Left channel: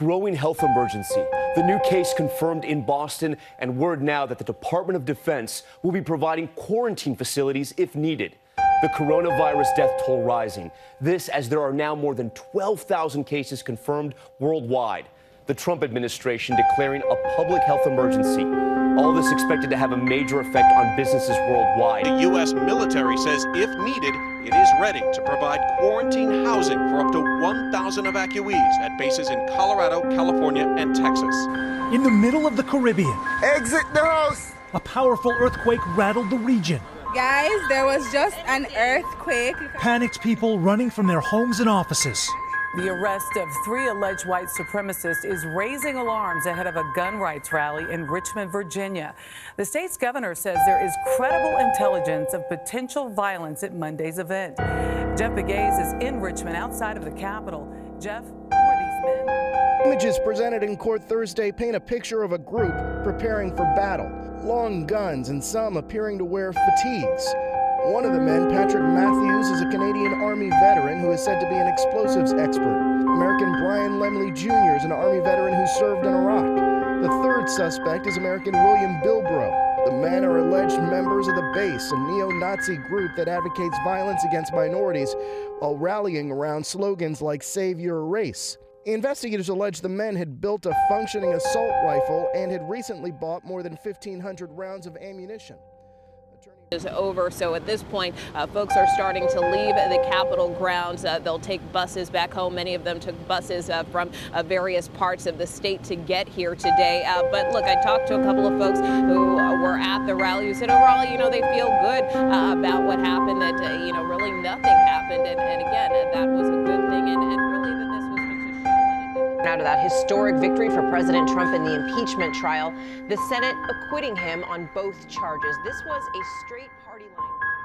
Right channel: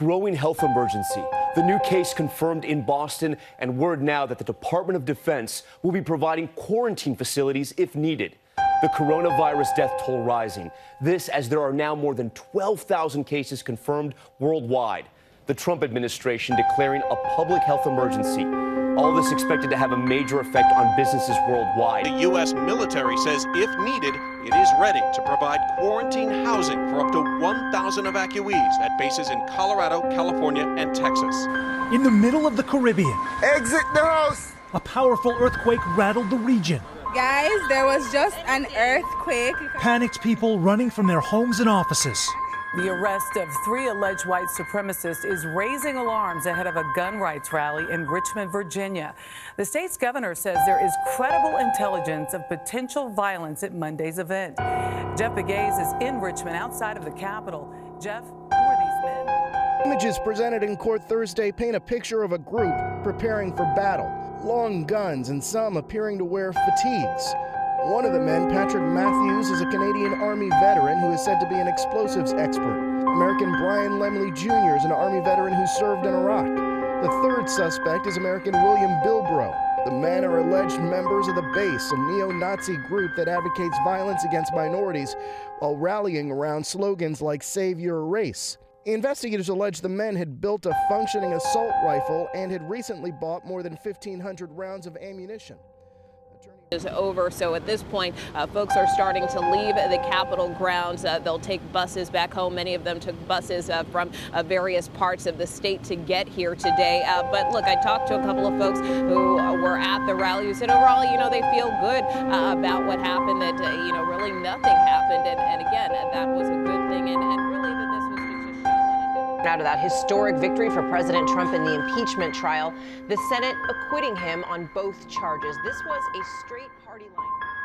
Growing health emergency. The new case confirmed in Boston, and word now that the Department of Defense will be providing quarantine facilities if needed. The coronavirus death toll rising. This as there are now more than 12,000 cases confirmed worldwide. The Trump administration declaring a public health emergency. All this expected to have a major effect on businesses worldwide. The U.S. military says if needed, it is ready to provide quarantine housing for up to 1,000 evacuees at bases in Colorado, California, and Texas. In the middle of the Caribbean, exit the house! A powerful earthquake rattled the region. Guys, there was just an earthquake. Panicked people running from their homes and offices. The arrest of 3 alleged white supremacists is raising alarms ahead of a gun rights rally in Richmond, Virginia. The state's governor says there is credible intelligence of potential violence at Monday's event. Jeff Begaze is in Richmond outside of the Capitol. Jeff, who are these men? Images presented in court Thursday paint a picture of a group preparing for battle. Long guns and some appearing to wear fatigues. One of the men, Patrick Matthews, is a Canadian Army veteran who is said to be an explosives expert. American Brian Lemley Jr. is an Army veteran who served in Iraq. The third suspect is American William Bilbrough. The men are alleged members of the Base, a neo-Nazi group that advocates violence against minorities while rallying around slogans like Save Your Race. Investigators allege the men had built a functioning assault rifle and had recently bought more than 1,500 rounds of ammunition. Is over, so at this point, folks are starting to leave the Capitol grounds. They'll take buses back home. Many of them took buses from various parts of the state to get here today. But look, I talked to a couple of folks who were at the rally who said overall, they feel good about what happened, that, really nothing happened. And again, that was a good thing. And really that this was just a show. Out of that historic victory for President Trump in the impeachment trial, the Senate acquitting him on both charges. This was a straight party line.